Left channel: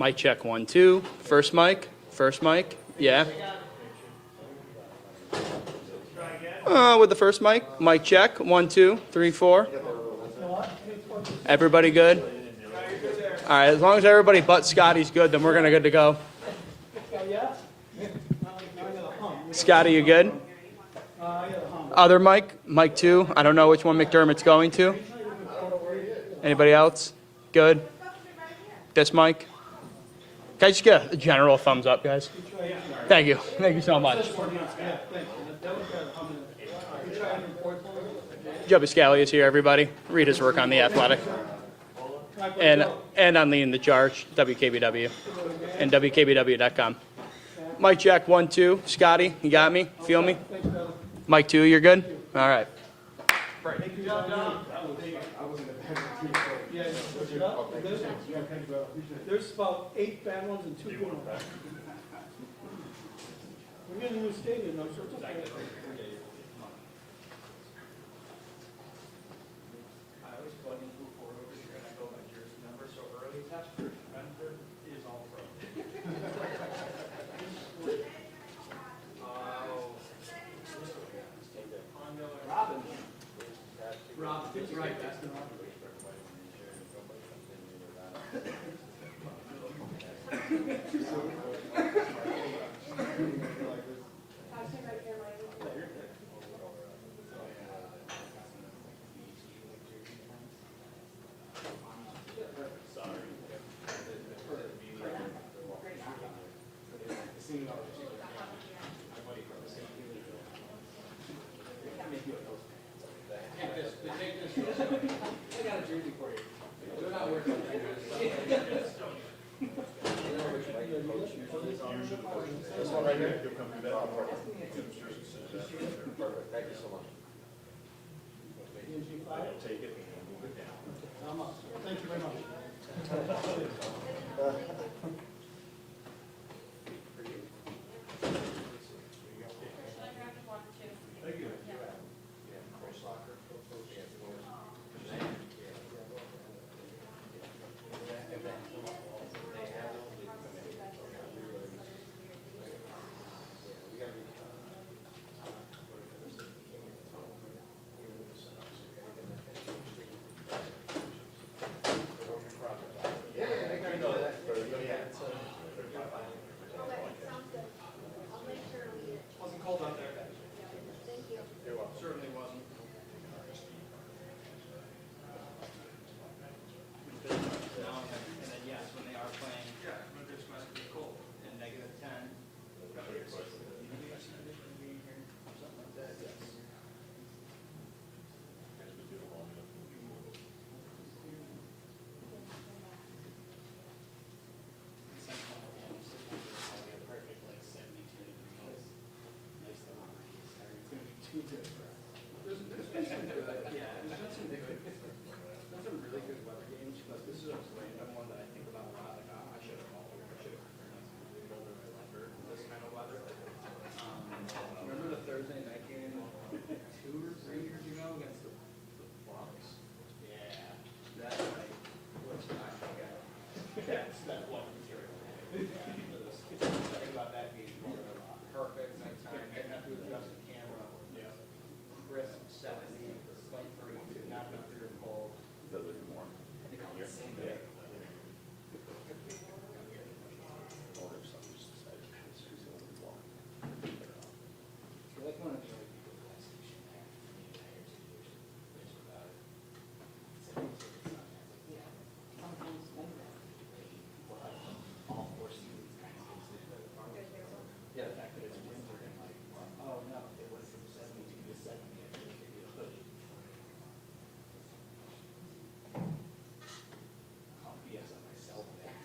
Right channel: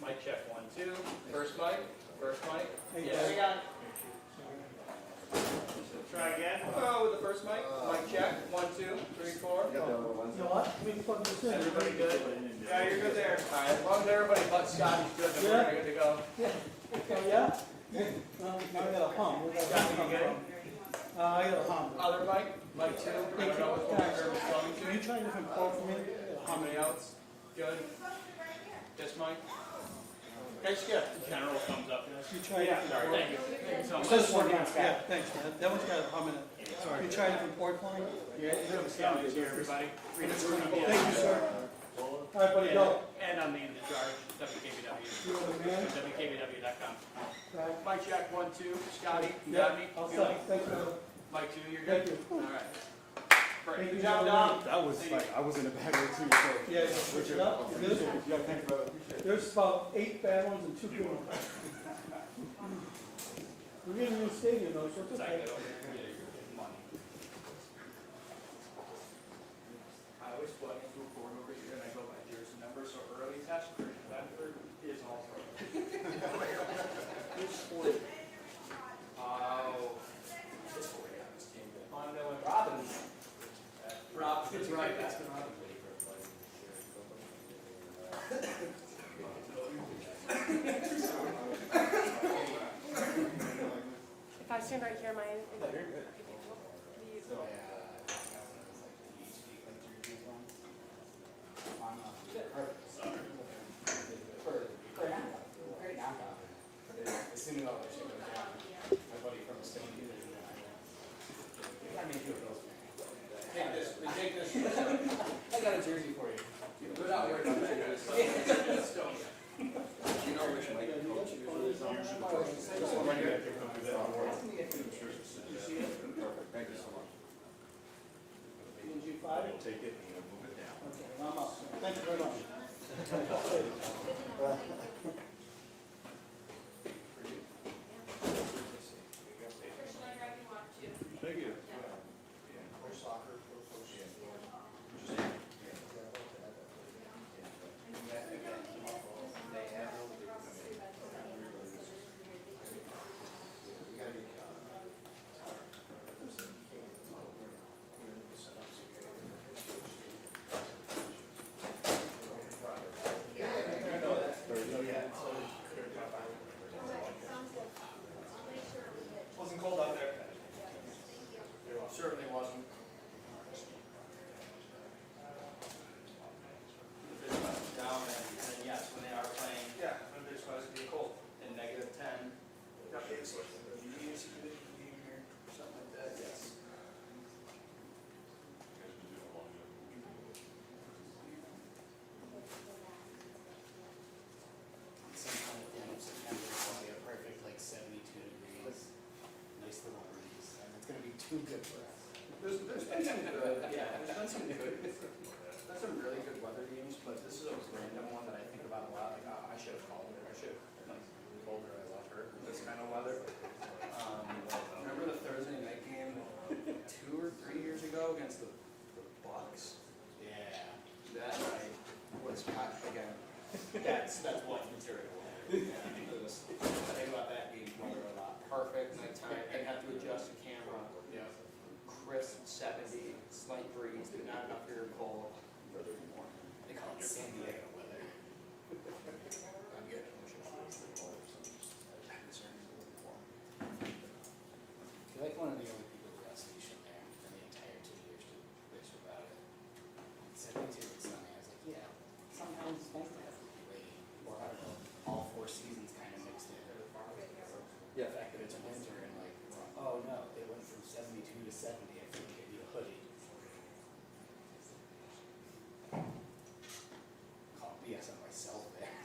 Mic check 1, 2. First mic. First mic. Yeah. With the first mic. Mic check 1, 2, 3, 4. Everybody good? All right. As long as everybody but Scotty's good, then we're gonna good to go. Scotty, you good? Other mic. Mic 2. I don't know which one McDermott's going to. Anybody else? Good. This mic. Can I just get a general thumbs up, guys? Thank you. Thank you so much. Joe Biscali is here, everybody. Read his work on The Athletic. And on Leading the Charge, WKBW, and WKBW.com. Mic check 1, 2. Scotty, you got me? Feel me? Mic 2, you're good? All right. There's about 8 bad ones and 2 good ones. We're getting a new stadium though, so it's okay. I always plug into a four over here and I go my jersey number so early that's first. Third is all pro. Rob, it's right, that's been Robin. If I stand right here, my I got a jersey for you. Put it out here. This one right here. Thank you so much. Take it. Thank you very much. Thank you. Wasn't cold out there. Certainly wasn't. Down there, and then yes, when they are playing, winter's supposed to be cold, and -10. Something like that, yes. Perfect, like 72 degrees. Nice little breeze. It's gonna be too good for us. There's been some good, yeah, there's been some good, there's some really good weather games, but this is a random one that I think about a lot. Like, I should have called her, I should have, like, really told her I love her with this kind of weather. Remember the Thursday night game 2 or 3 years ago against the Bucks? Yeah. That night was hot again. That's one material. Think about that game a lot. Perfect nighttime. I have to adjust the camera. Crisp 70, slight breeze, did not come here cold. They call it San Diego weather. You're like one of the only people who has station there for the entire 2 years. Bitch about it. 72 is something. I was like, yeah. Sometimes it's nice to have to rain. Or all 4 seasons kind of mixed in. Yeah. The fact that it's winter and like, oh no, they went from 72 to 70. I feel like I need a hoodie. Call BS on myself there.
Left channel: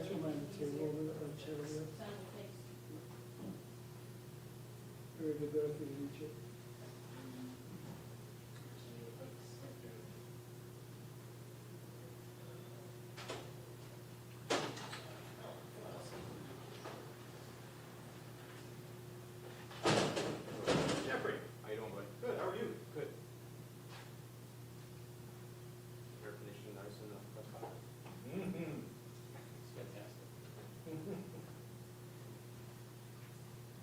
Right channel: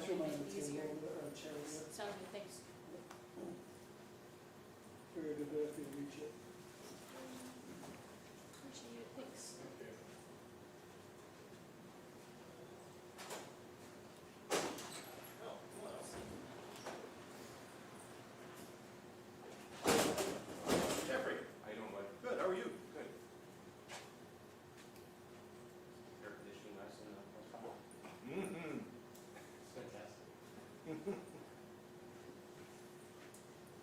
guys remind me to take over our chair here. Thanks. Very good, very good leadership. Jeffrey, how you doing, buddy? Good, how are you? Good. Air conditioning nice and that's fine. Mm-hmm. It's fantastic.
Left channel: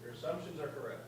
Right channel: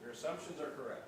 Your assumptions are correct.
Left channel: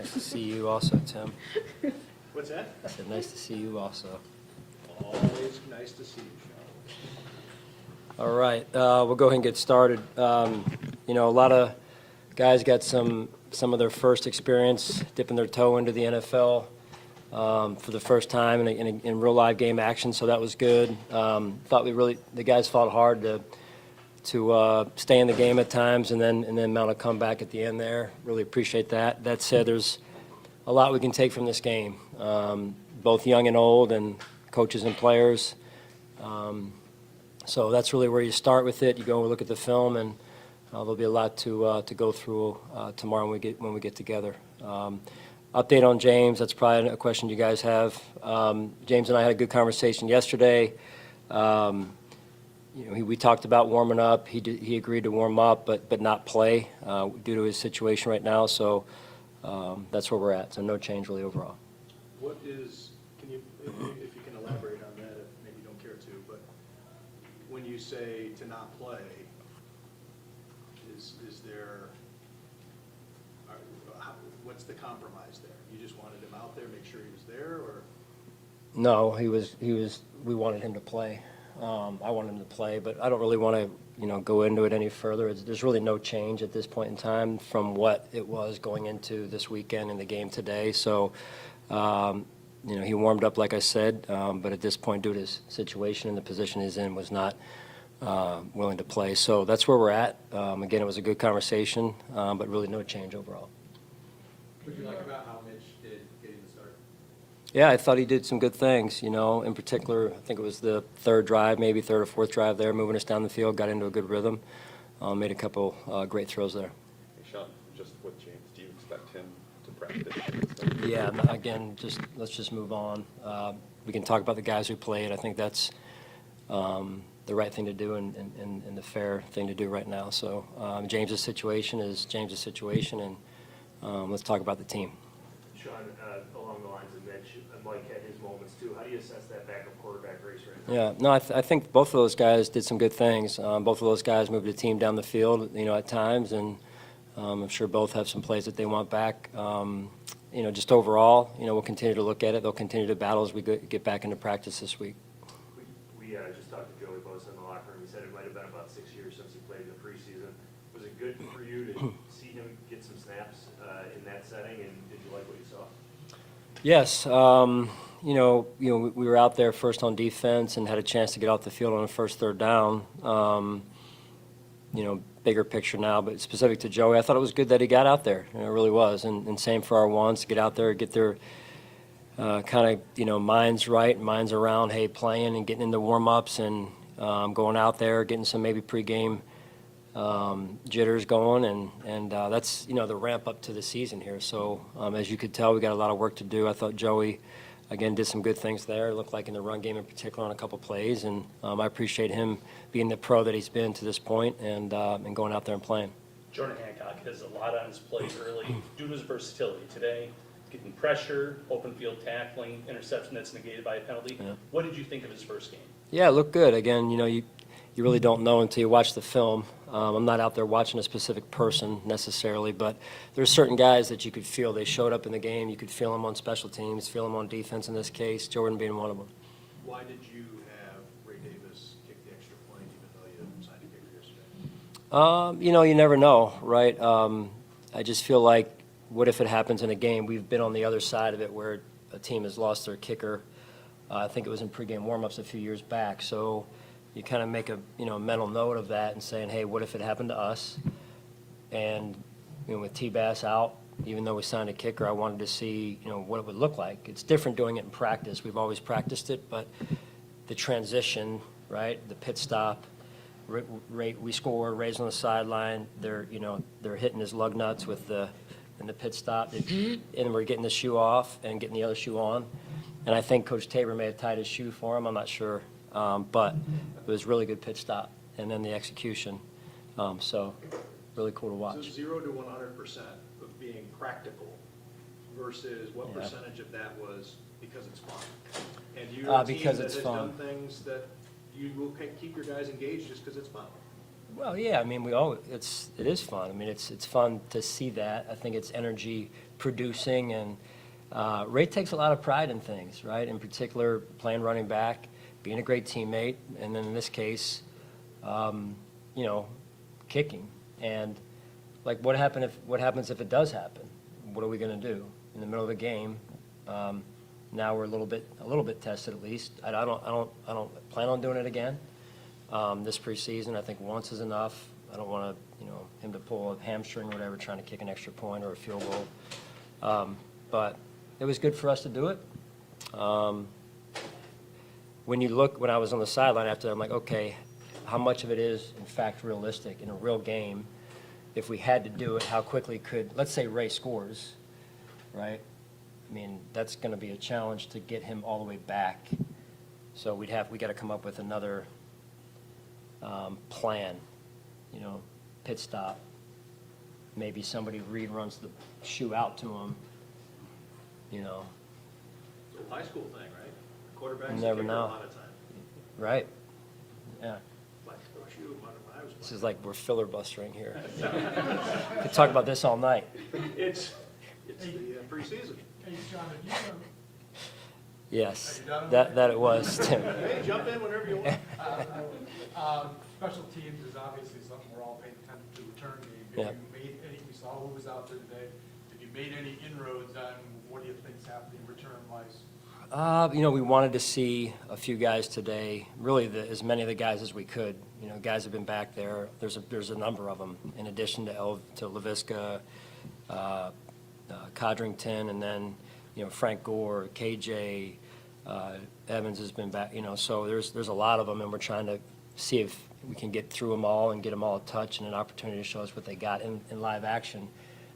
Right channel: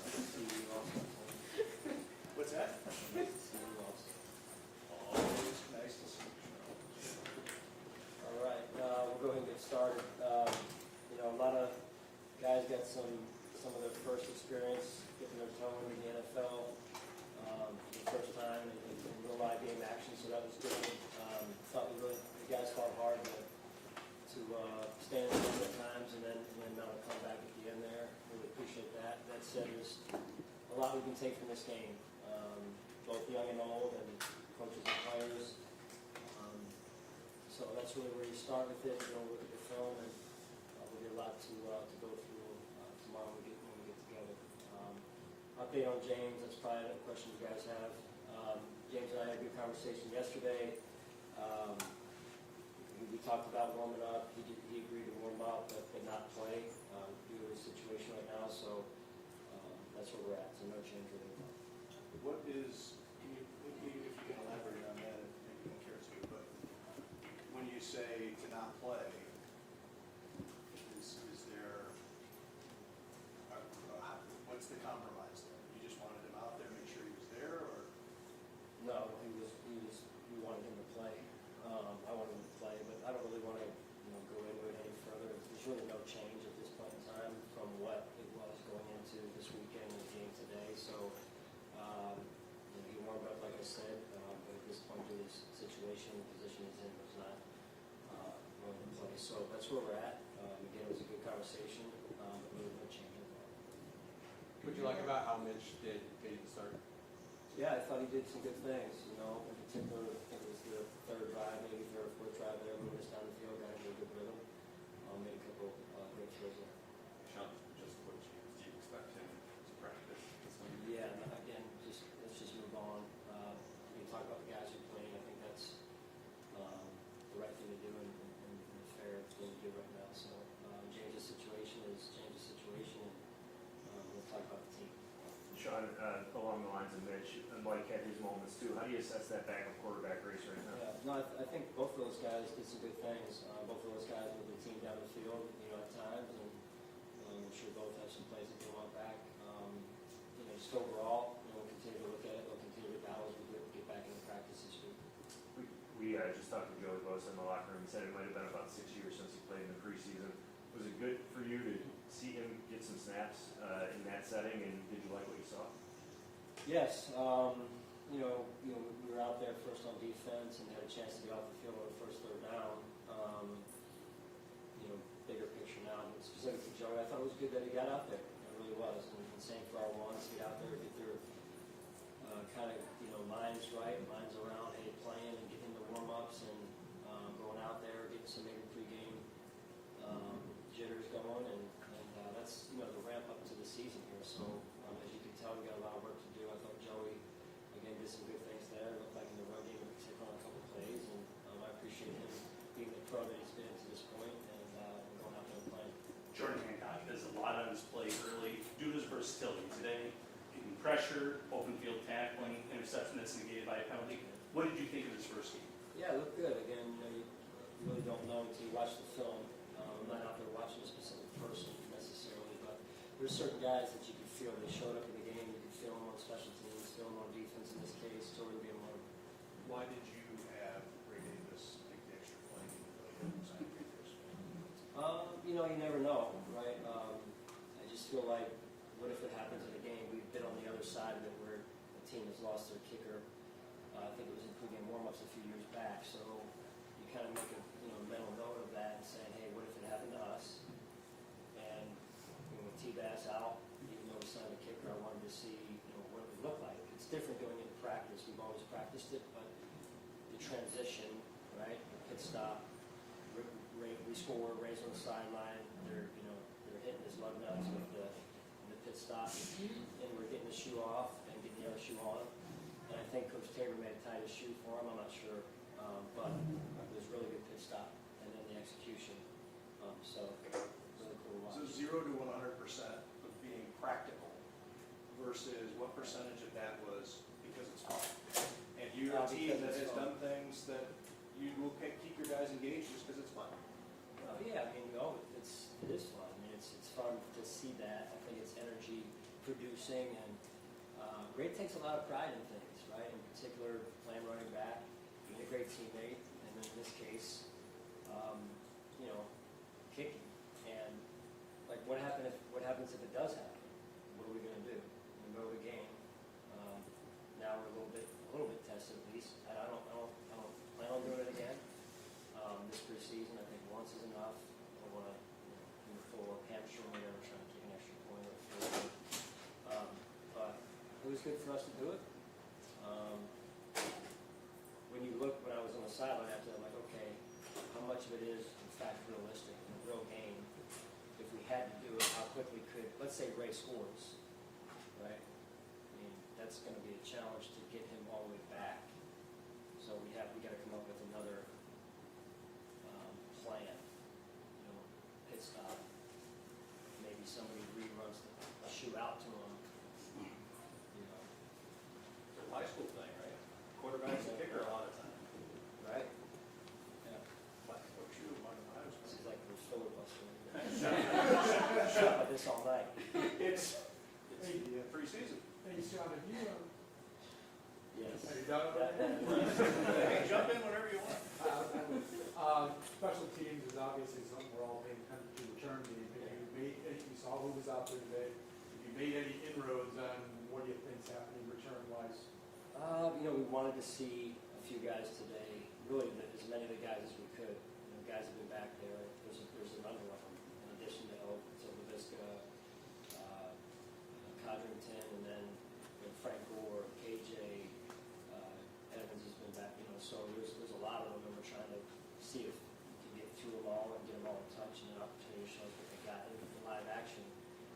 Nice to see you also, Tim. What's that? I said, nice to see you also. Always nice to see you. All right, we'll go ahead and get started. You know, a lot of guys got some of their first experience dipping their toe into the NFL for the first time in real live game action, so that was good. Thought the guys fought hard to stay in the game at times and then mount a comeback at the end there. Really appreciate that. That said, there's a lot we can take from this game, both young and old, and coaches and players. So that's really where you start with it. You go and look at the film, and there'll be a lot to go through tomorrow when we get together. Update on James. That's probably a question you guys have. James and I had a good conversation yesterday. You know, we talked about warming up. He agreed to warm up, but not play due to his situation right now. So that's where we're at. So no change really overall. What is, can you, if you can elaborate on that, if maybe you don't care to, but when you say to not play, is there, what's the compromise there? You just wanted him out there, make sure he was there, or? No, we wanted him to play. I wanted him to play, but I don't really want to, go into it any further. There's really no change at this point in time from what it was going into this weekend and the game today. So, he warmed up, like I said, but at this point, due to his situation and the position he's in, was not willing to play. So that's where we're at. Again, it was a good conversation, but really no change overall. What do you like about how Mitch did getting the start? Yeah, I thought he did some good things, in particular, I think it was the third drive, maybe third or fourth drive there, moving us down the field, got into a good rhythm, made a couple great throws there. Sean, just with James, do you expect him to practice? Yeah, again, let's just move on. We can talk about the guys who played. I think that's the right thing to do and the fair thing to do right now. So James's situation is James's situation, and let's talk about the team. Sean, along the lines of Mitch, Mike had his moments too. How do you assess that backup quarterback race right now? Yeah, no, I think both of those guys did some good things. Both of those guys moved the team down the field, at times, and I'm sure both have some plays that they want back. Just overall, we'll continue to look at it. They'll continue to battle as we get back into practice this week. We just talked to Joey Bosa in the locker room. He said it might have been about 6 years since he played in the preseason. Was it good for you to see him get some snaps in that setting, and did you like what you saw? Yes, we were out there first on defense and had a chance to get off the field on the first third down. Bigger picture now, but specific to Joey, I thought it was good that he got out there. It really was, and same for our ones, get out there, get their kind of minds right and minds around, hey, playing and getting into warm-ups and going out there, getting some maybe pregame jitters going, and that's the ramp up to the season here. So as you could tell, we got a lot of work to do. I thought Joey again did some good things there. It looked like in the run game in particular on a couple plays, and I appreciate him being the pro that he's been to this point and going out there and playing. Jordan Hancock has a lot on his plate early due to his versatility today, getting pressure, open field tackling, interception that's negated by a penalty. Yeah. What did you think of his first game? Yeah, it looked good. Again, you really don't know until you watch the film. I'm not out there watching a specific person necessarily, but there's certain guys that you could feel they showed up in the game. You could feel them on special teams, feel them on defense in this case, Jordan being one of them. Why did you have You know, you never know, right? I just feel like, what if it happens in a game? We've been on the other side of it where a team has lost their kicker. I think it was in pregame warmups a few years back. So you kind of make a, you know, mental note of that and saying, hey, what if it happened to us? And, you know, with T-Bass out, even though we signed a kicker, I wanted to see, you know, what it would look like. It's different doing it in practice. We've always practiced it, but the transition, right, the pit stop, we score, Ray's on the sideline, they're, you know, they're hitting his lug nuts with in the pit stop, and we're getting the shoe off and getting the other shoe on. And I think Coach Tabor may have tied his shoe for him, I'm not sure. But it was really good pit stop, and then the execution. So really cool to So watch. 0 to 100% of being practical versus what Yeah. percentage of that was because it's fun? And you're a team Because that it's has fun. done things that you will keep your guys engaged just because it's fun. Well, yeah, I mean, it is fun. I mean, it's fun to see that. I think it's energy producing, and Ray takes a lot of pride in things, right? In particular, playing running back, being a great teammate, and then in this case, you know, kicking. And like, what happens if it does happen? What are we going to do in the middle of a game? Now we're a little bit tested at least. I don't plan on doing it again. This preseason, I think once is enough. I don't want to, you know, him to pull a hamstring or whatever, trying to kick an extra point or a field goal. But it was good for us to do it. When I was on the sideline after, I'm like, okay, how much of it is in fact realistic in a real game? If we had to do it, how quickly let's say Ray scores, right? I mean, that's going to be a challenge to get him all the way back. So we got to come up with another plan, you know, pit stop. Maybe somebody runs the shoe out to him, you know. It's a high school thing, right? Quarterbacks You never kicker know. a lot of time. Right. Yeah. Flexible shoe, what if I was This is like we're filibustering here. We could talk about this all night. It's the preseason. Hey, John, have you done, Yes, that it was, Tim. Hey, jump in whenever you want. Special teams is obviously something we're all paying attention to. Return game. Yeah. Have you made any, we saw who was out there today. Have you made any inroads on what do you think's happening return-wise? You know, we wanted to see a few guys today, really as many of the guys as we could. You know, guys have been back there. There's a number of them, in addition to LaVisca, Codrington, and then, you know, Frank Gore, KJ, Evans has been back, you know, so there's a lot of them, and we're trying to see if we can get through them all and get them all a touch and an opportunity to show us what they got in live action.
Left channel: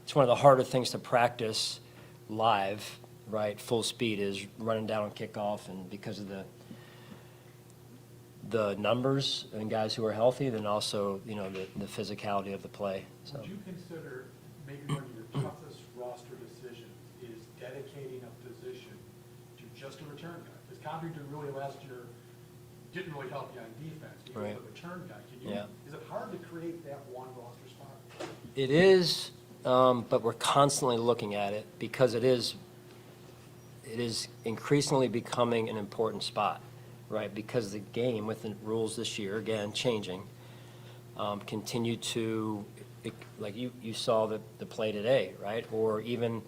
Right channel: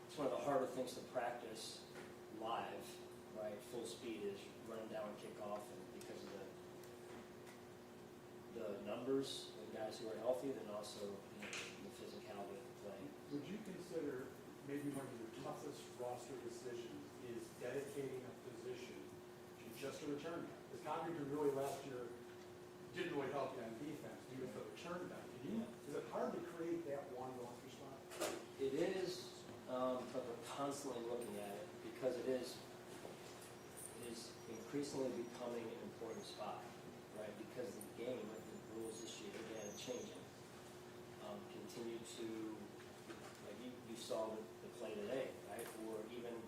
It's one of the harder things to practice live, right? Full speed is running down on kickoff, and because of the numbers and guys who are healthy, then also, you know, the physicality of the play. So. Would you consider maybe one of your toughest roster decisions is dedicating a position to just a return guy? Because Codrington really last year didn't really help you on defense. He was Right. a return guy. Yeah. Is it hard to create that one roster spot? It is, but we're constantly looking at it because it is increasingly becoming an important spot, right? Because the game, with the rules this year, again, changing, continue to, like you saw the play today, right? Or even,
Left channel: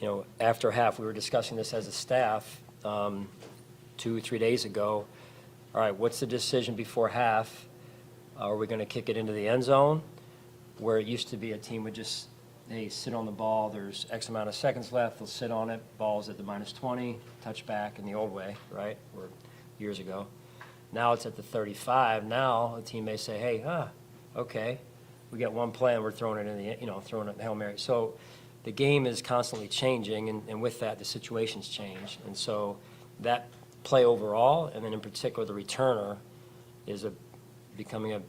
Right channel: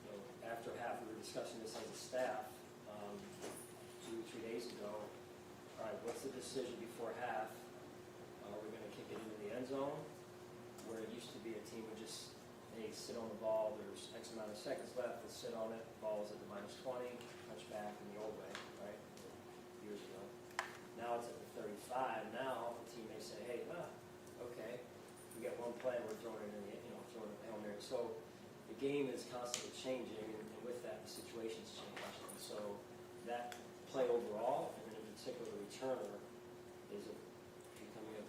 you know, after half, we were discussing this as a staff 2 or 3 days ago. All right, what's the decision before half? Are we going to kick it into the end zone, where it used to be a team would just, they sit on the ball, there's X amount of seconds left, they'll sit on it, ball's at the -20, touchback in the old way, right, or years ago. Now it's at the 35. Now a team may say, hey, okay, we got one play and we're throwing it in the, you know, throwing it in Hail Mary. So the game is constantly changing, and with that, the situations change. And so that play overall, and then in particular the returner, is becoming a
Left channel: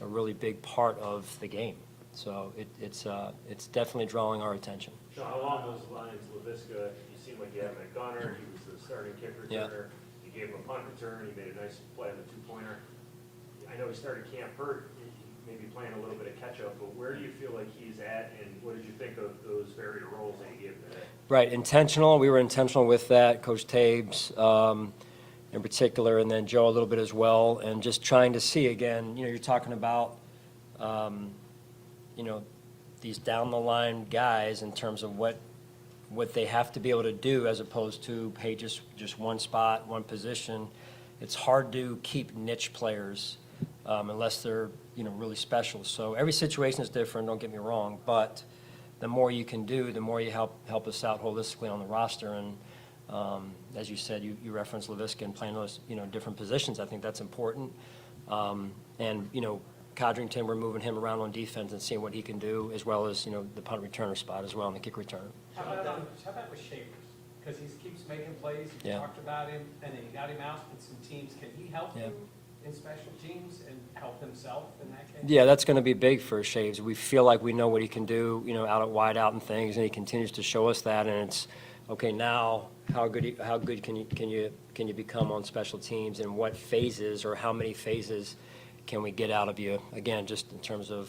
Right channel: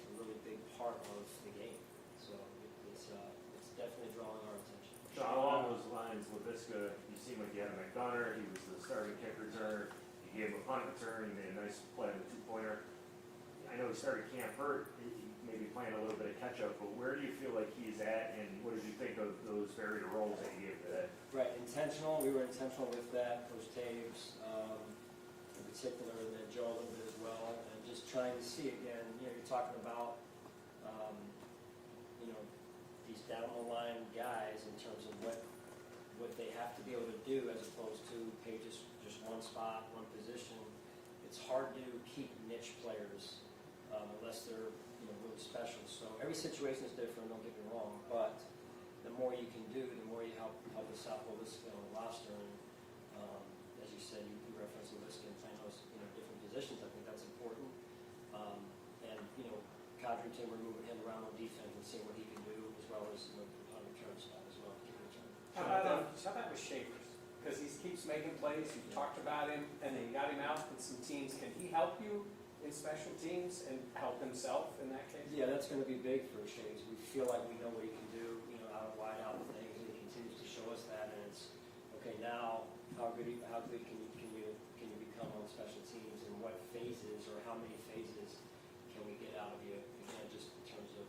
really big part of the game. So it's definitely drawing our attention. So along those lines, LaVisca, you seem like you had McDonough, he was the starting kick Yeah. returner. You gave him a punt return, he made a nice play on the two-pointer. I know he started camp hurt, he may be playing a little bit of catch-up, but where do you feel like he's at, and what did you think of those varied roles that he gave today? Right, intentional. We were intentional with that. Coach Tabes, in particular, and then Joe a little bit as well, and just trying to see again, you're talking about, these down the line guys in terms of what they have to be able to do as opposed to, hey, just one spot, one position. It's hard to keep niche players unless they're, really special. So every situation is different, don't get me wrong, but the more you can do, the more you help us out holistically on the roster. And as you said, you referenced LaVisca and playing those, different positions. I think that's important. And, Codrington, we're moving him around on defense and seeing what he can do, as well as, the punt returner spot as well and the kick returner. How about with Shavers? Because he keeps making plays, you Yeah. talked about him, and then you got him out in some teams. Can he help Yeah. you in special teams and help himself in that case? Yeah, that's going to be big for Shaves. We feel like we know what he can do, out at wide out and things, and he continues to show us that. And it's okay now. How good can you become on special teams, and what phases or how many phases can we get out of you? Again, just in terms of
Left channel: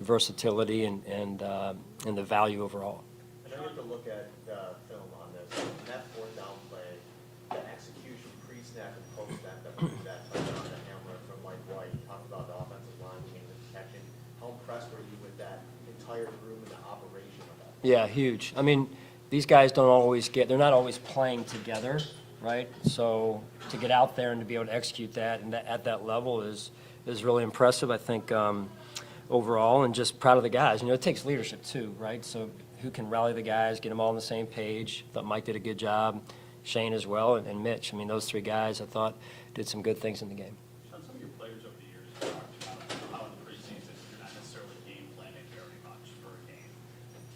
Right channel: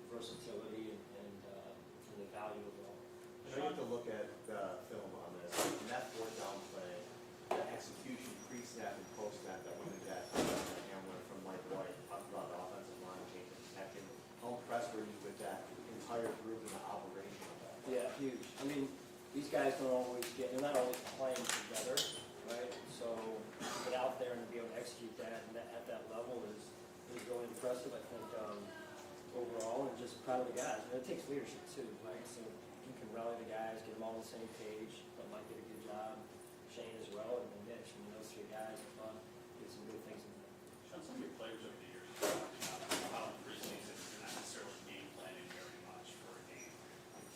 versatility and the value overall. I know you have to look at the film on this. In that fourth down play, the execution pre-snap and post-snap that hammer from Mike White, you talked about the offensive line change of protection. How impressed were you with that entire group and the operation of that? Yeah, huge. I mean, they're not always playing together, right? So to get out there and to be able to execute that and at that level is really impressive, I think, overall, and just proud of the guys. It takes leadership too, right? So who can rally the guys, get them all on the same page. Thought Mike did a good job, Shane as well, and Mitch. I mean, those three guys I thought did some good things in the game. Sean, some of your players over the years have talked about how in preseason you're not necessarily game planning very much for a game.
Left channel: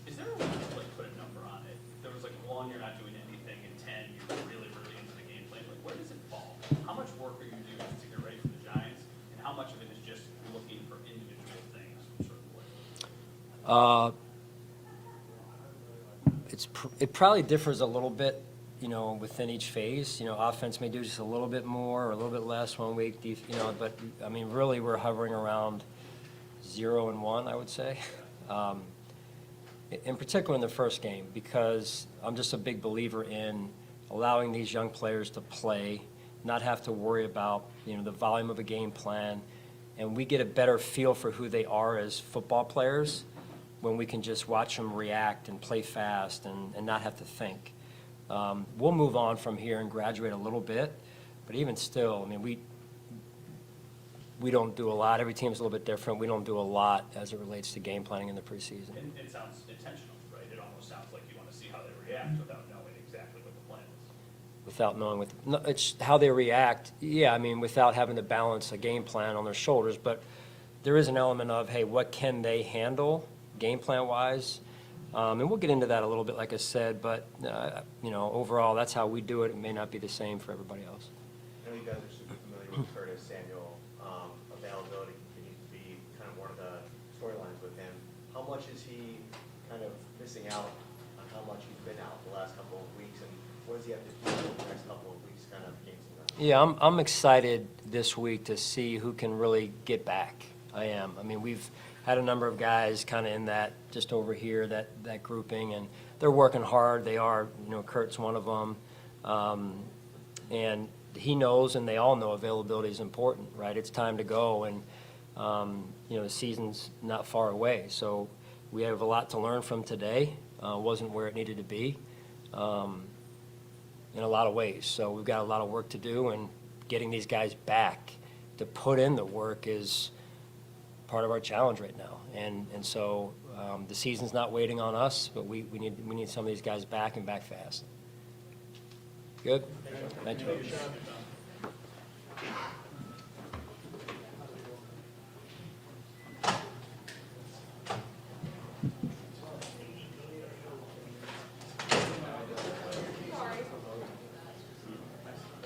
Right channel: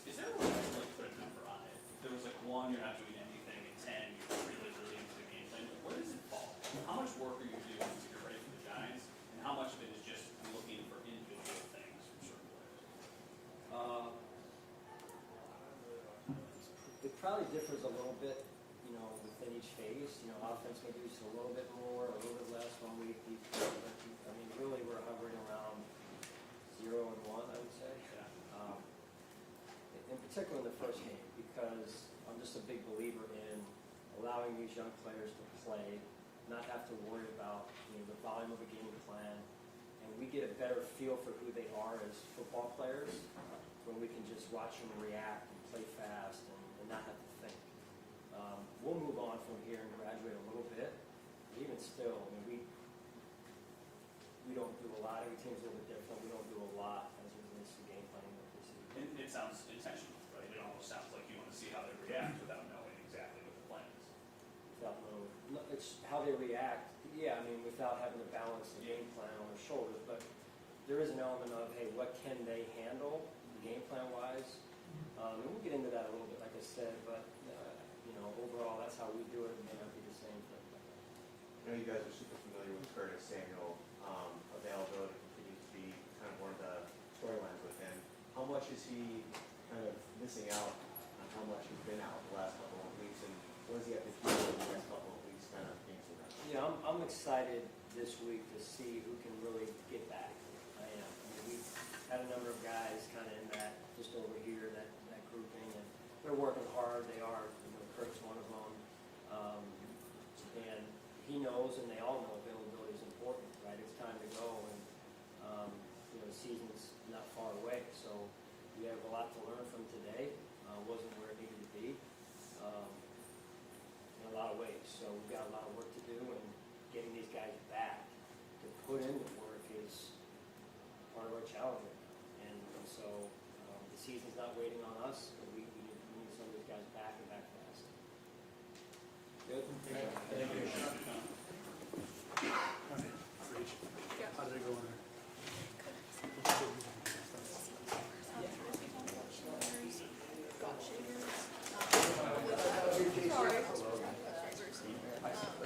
Is there a way to put a number on it? There was 1, you're not doing anything, and 10, you're really, really into the game plan. Where does it fall? How much work are you doing to get ready for the Giants, and how much of it is just looking for individual things from certain players? It probably differs a little bit, within each phase. Offense may do just a little bit more or a little bit less 1 week, but I mean, really we're hovering around 0 and 1, I would say. In particular in the first game, because I'm just a big believer in allowing these young players to play, not have to worry about, the volume of a game plan, and we get a better feel for who they are as football players when we can just watch them react and play fast and not have to think. We'll move on from here and graduate a little bit, but even still, I mean, we don't do a lot. Every team's a little bit different. We don't do a lot as it relates to game planning in the preseason. And it sounds intentional, right? It almost sounds like you want to see how they react without knowing exactly what the plan is. Without knowing it's how they react. Yeah, I mean, without having to balance a game plan on their shoulders, but there is an element of, hey, what can they handle game plan wise? And we'll get into that a little bit, like I said, but overall, that's how we do it. It may not be the same for everybody else. I know you guys are super familiar with Curtis Samuel. Availability continues to be kind of one of the storylines with him. How much is he kind of missing out on how much he's been out the last couple of weeks, and what does he have to do in the next couple of weeks kind of games in that? Yeah, I'm excited this week to see who can really get back. I am. I mean, we've had a number of guys kind of in that, just over here, that grouping, and they're working hard. They are, Kurt's one of them. And he knows, and they all know, availability is important, right? It's time to go, and, the season's not far away. So we have a lot to learn from today. Wasn't where it needed to be in a lot of ways. So we've got a lot of work to do, and getting these guys back to put in the work is part of our challenge right now. And so the season's not waiting on us, but we need some of these guys back and back fast. Good? Thank you.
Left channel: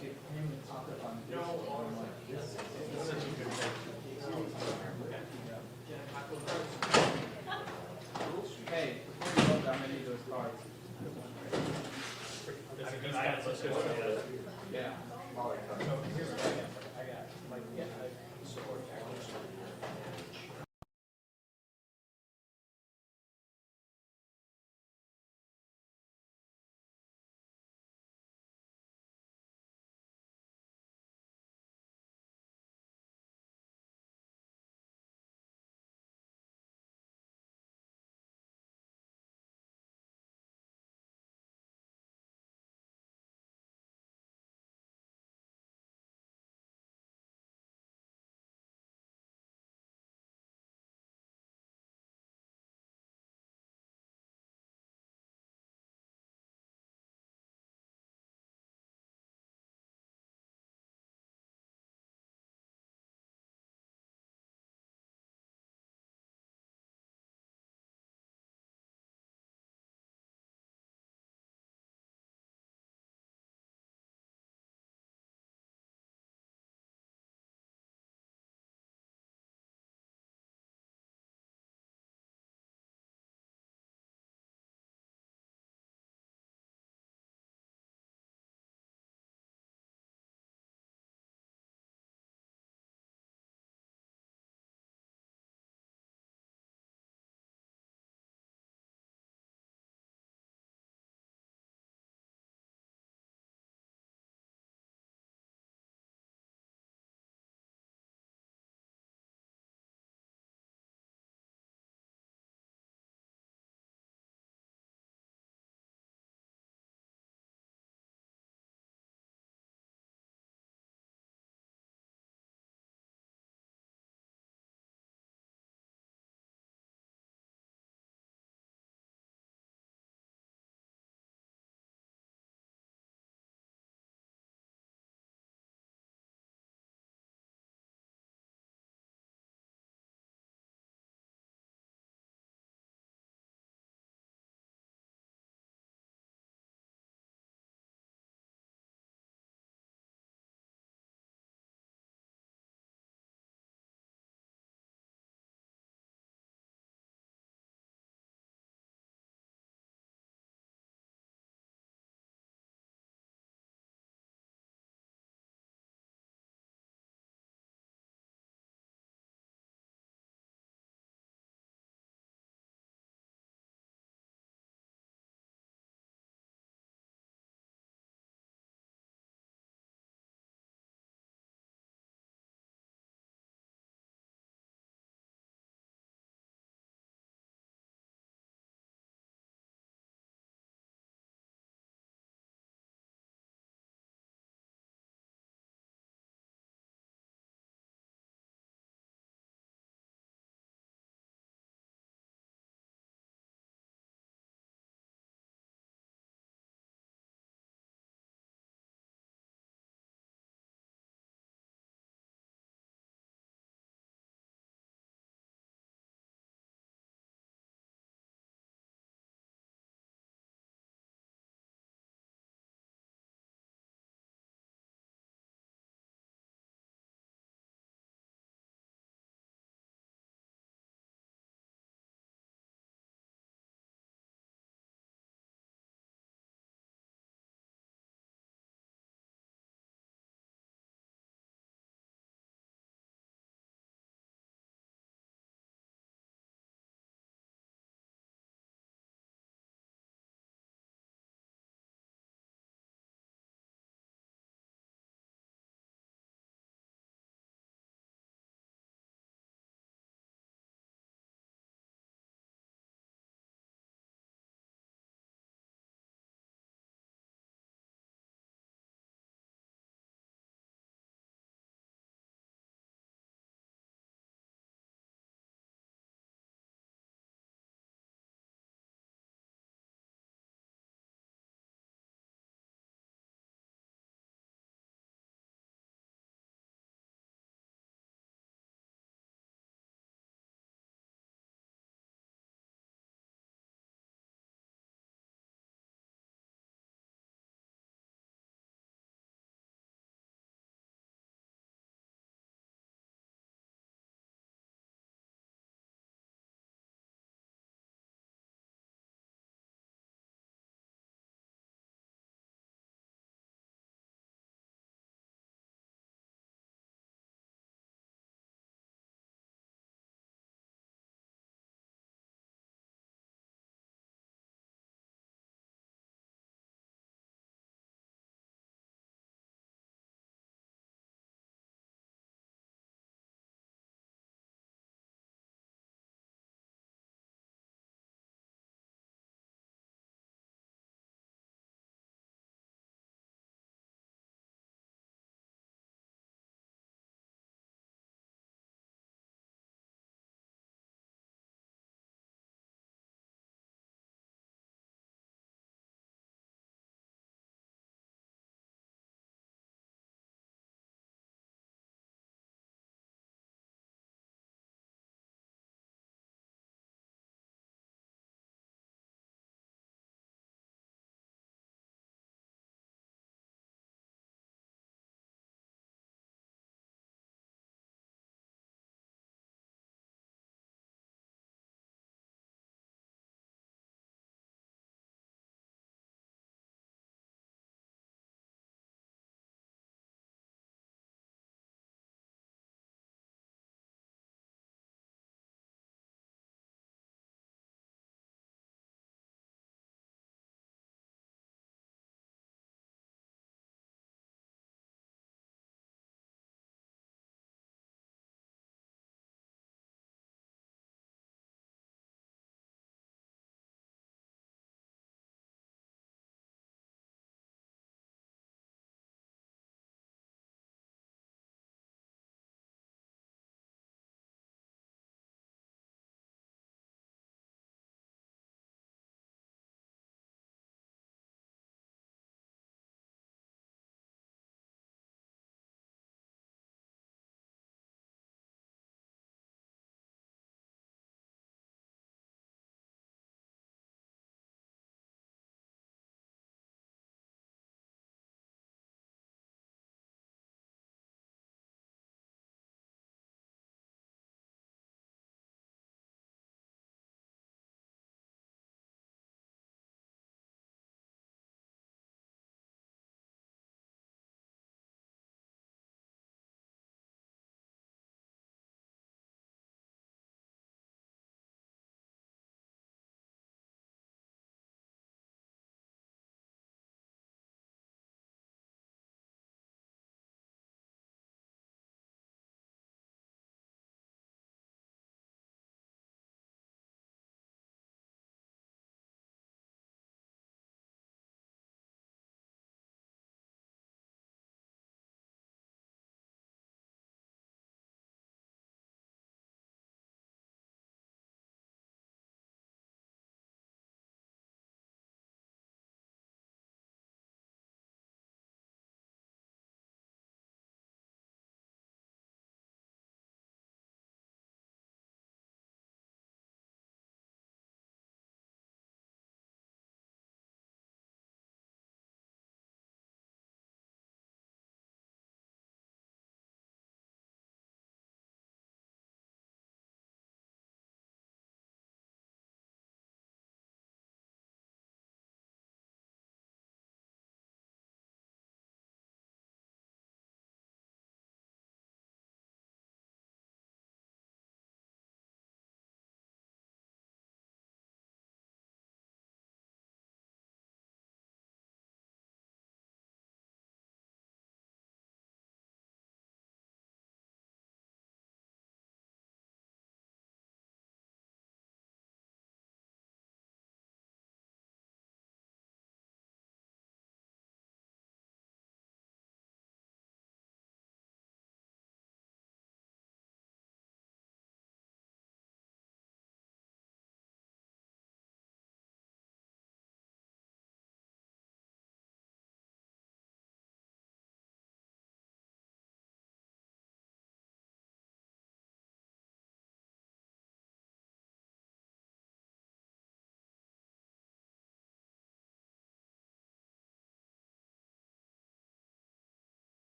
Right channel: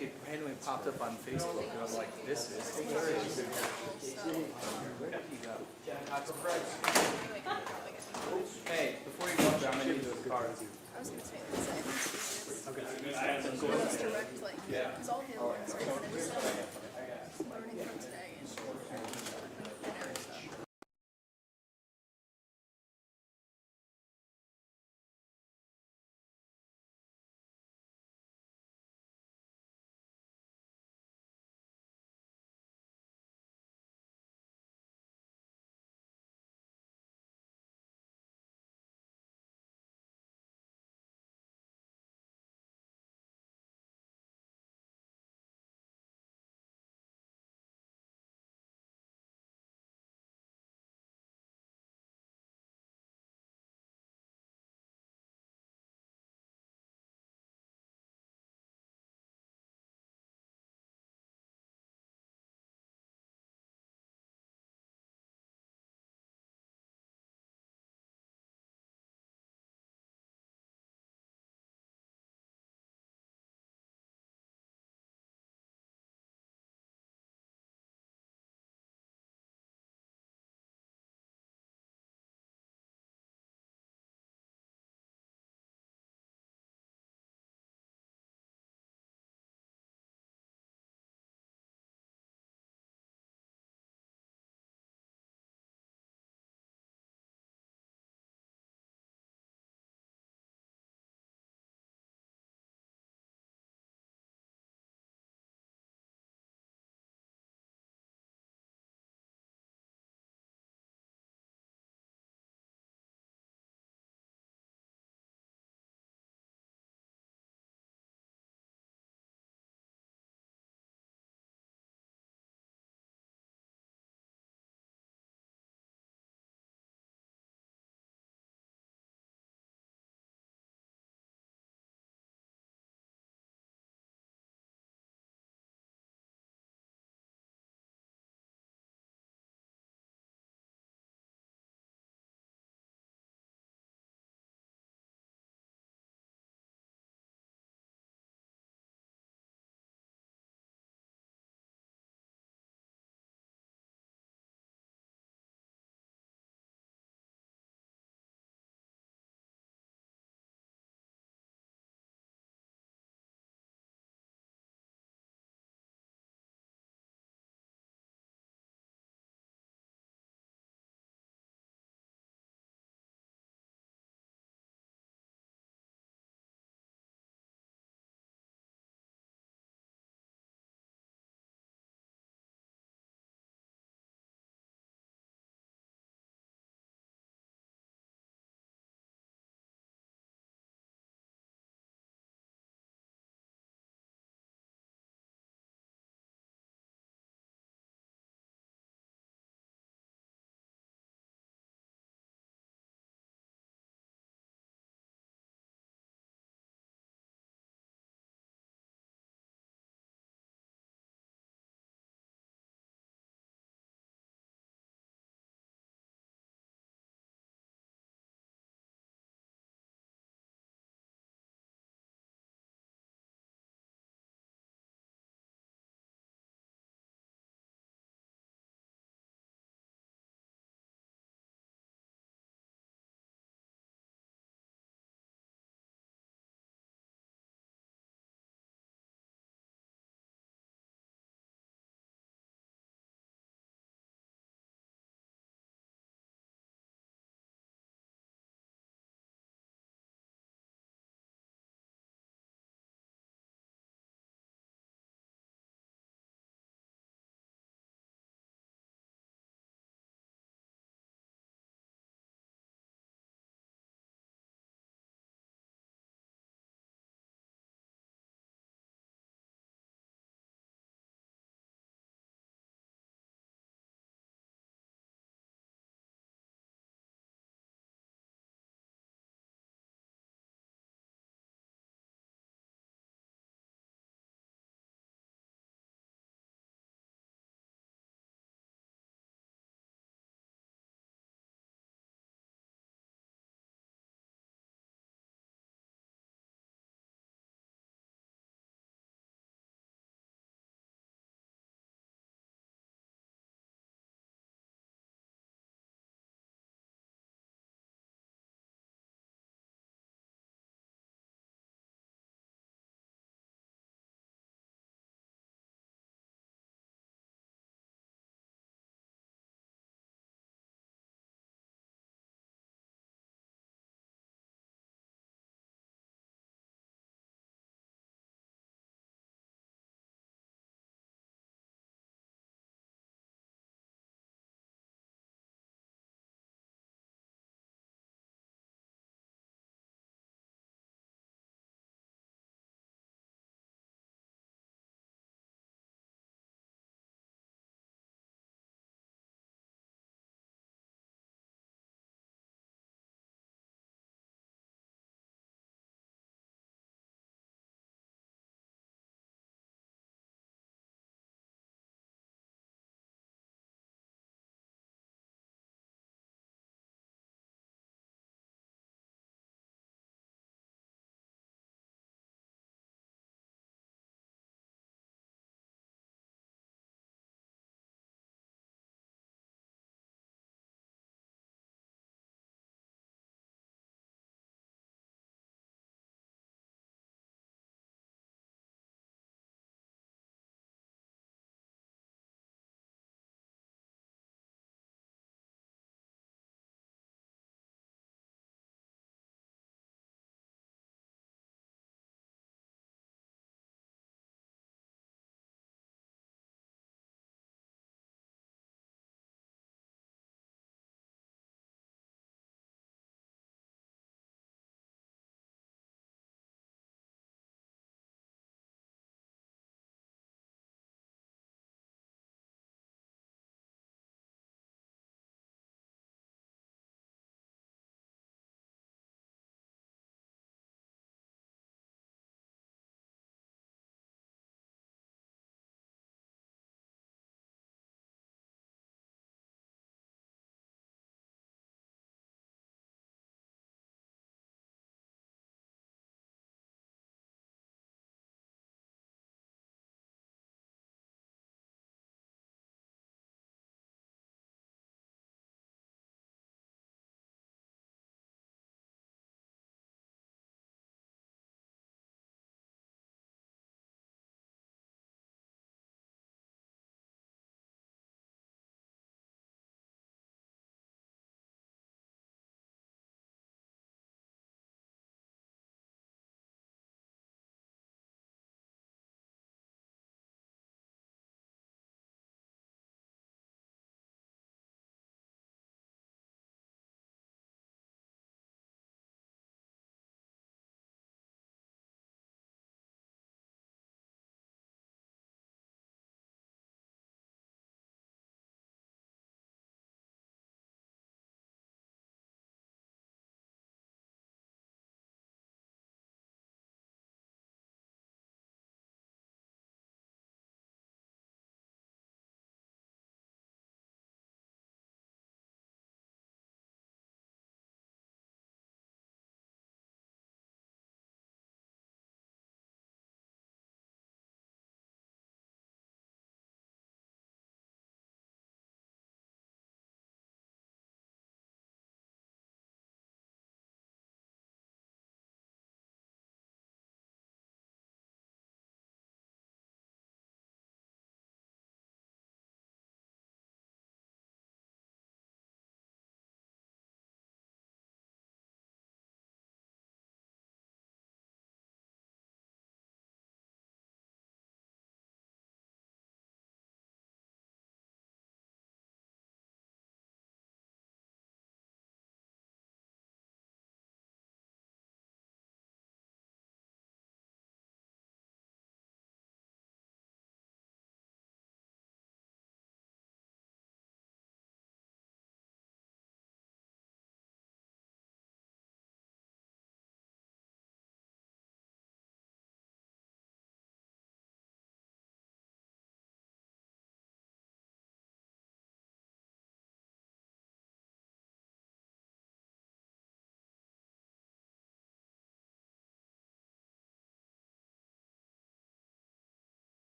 It randomly popped up on Facebook, and I'm like, this is. Hey, before you go, I'm gonna need those cards. Yeah.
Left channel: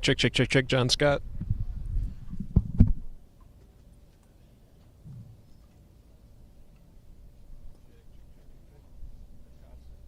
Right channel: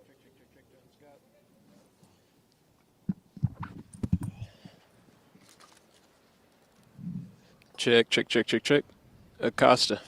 Check, John Scott. Check. Acosta.